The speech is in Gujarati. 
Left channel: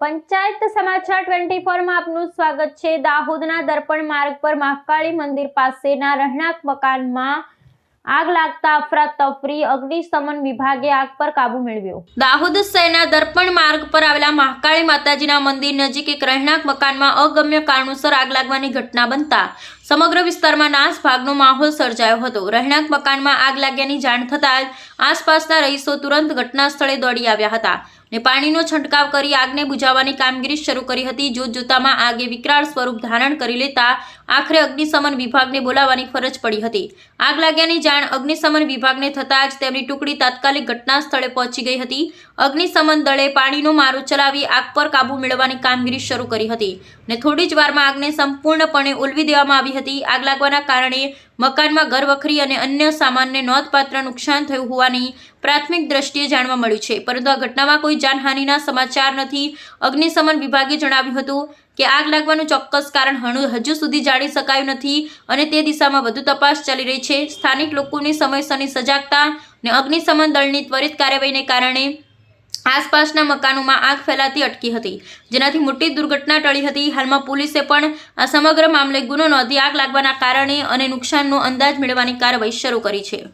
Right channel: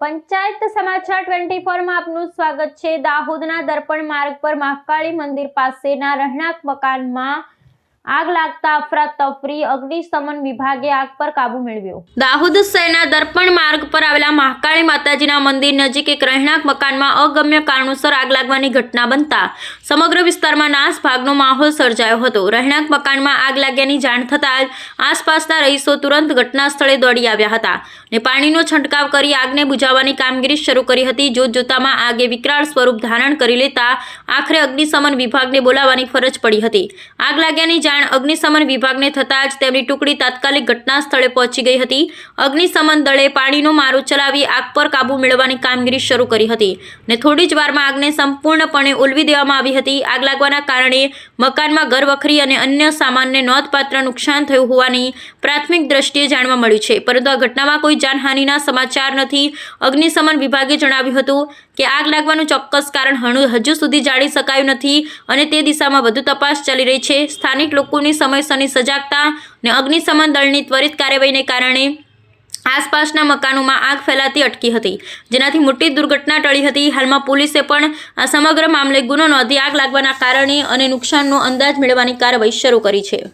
પંચાયત સમાચાર ટ્વેન્ટી ફોરમાં આપનું સ્વાગત છે. દાહોદના દર્પણ માર્ગ પર મહાકાળી મંદિર પાસેના રહેણાંક મકાનમાં આગ લાગતા અફરાતફરી અગ્નિશમન વિભાગે આગ પર કાબુ મેળવ્યો. દાહોદ શહેરના દર્પણ માર્ગ પર આવેલા મહાકાળી માતાજીના મંદિર નજીક એક રહેણાંક મકાનમાં અગમ્ય કારણોસર આગ લાગવાની ઘટના બનતા સમગ્ર વિસ્તારમાં નાશ ભાગનો માહોલ સર્જાયો હતો. રહેણાંક મકાનમાં આગ લાગ્યાની જાણ થતાં આસપાસના રહીશો તુરંત ઘટના સ્થળે દોડી આવ્યા હતા ને પાણીનો છંટકાવ કરી આગને બુજાવવાની કામગીરી શરૂ કરી હતી. જોત જોતામાં આગે વિકરાળ સ્વરૂપ ધારણ કરી લેતા આખરે અગ્નિશમન વિભાગને બોલાવવાની ફરજ પડી હતી. આગ લાગ્યાની જાણ અગ્નિશમન વિભાગને થતાં જ તેમની ટુકડી તાત્કાલિક ઘટના સ્થળે પહોંચી ગઈ હતી. અગ્નિશમન દળે પાણીનો મારો ચલાવી આગ પર કાબૂ મેળવવાની કામગીરી શરૂ કરી હતી ને થોડી જ વારમાં આગને સંપૂર્ણપણે ઉલવી દેવામાં આવી હતી. આગ લાગવાના કારણે મકાનમાં ઘરવખરી અને અન્ય સામાનને નોંધપાત્ર નુકસાન થયું હોવાની પ્રાથમિક દ્રષ્ટિએ જાણવા મળ્યું છે. પરંતુ આ ઘટનામાં કોઈ જાનહાનિના સમાચાર નથી. અગ્નિશમન વિભાગે જણાવ્યું હતું કે આગ લાગવાનું ચોક્કસ કારણ હણુ- હજુ સુધી જાણી શકાયું નથી અને તે દિશામાં વધુ તપાસ ચાલી રહી છે. સ્થાનિક લોકોની સમયસરની સજાગતા અને અગ્નિશમન દળની ત્વરિત કાર્યવાહીને કારણે આસપાસના મકાનોમાં આગ ફેલાતી અટકી હતી, જેનાથી મોટી દુર્ઘટના ટળી હતી. હાલમાં પોલીસે પણ આ સમગ્ર મામલે ગુનો નોંધી આગ લાગવાના કારણે અને નુકસાનનો અંદાજ મેળવવાની કાર્યવાહી શરૂ કરી છે.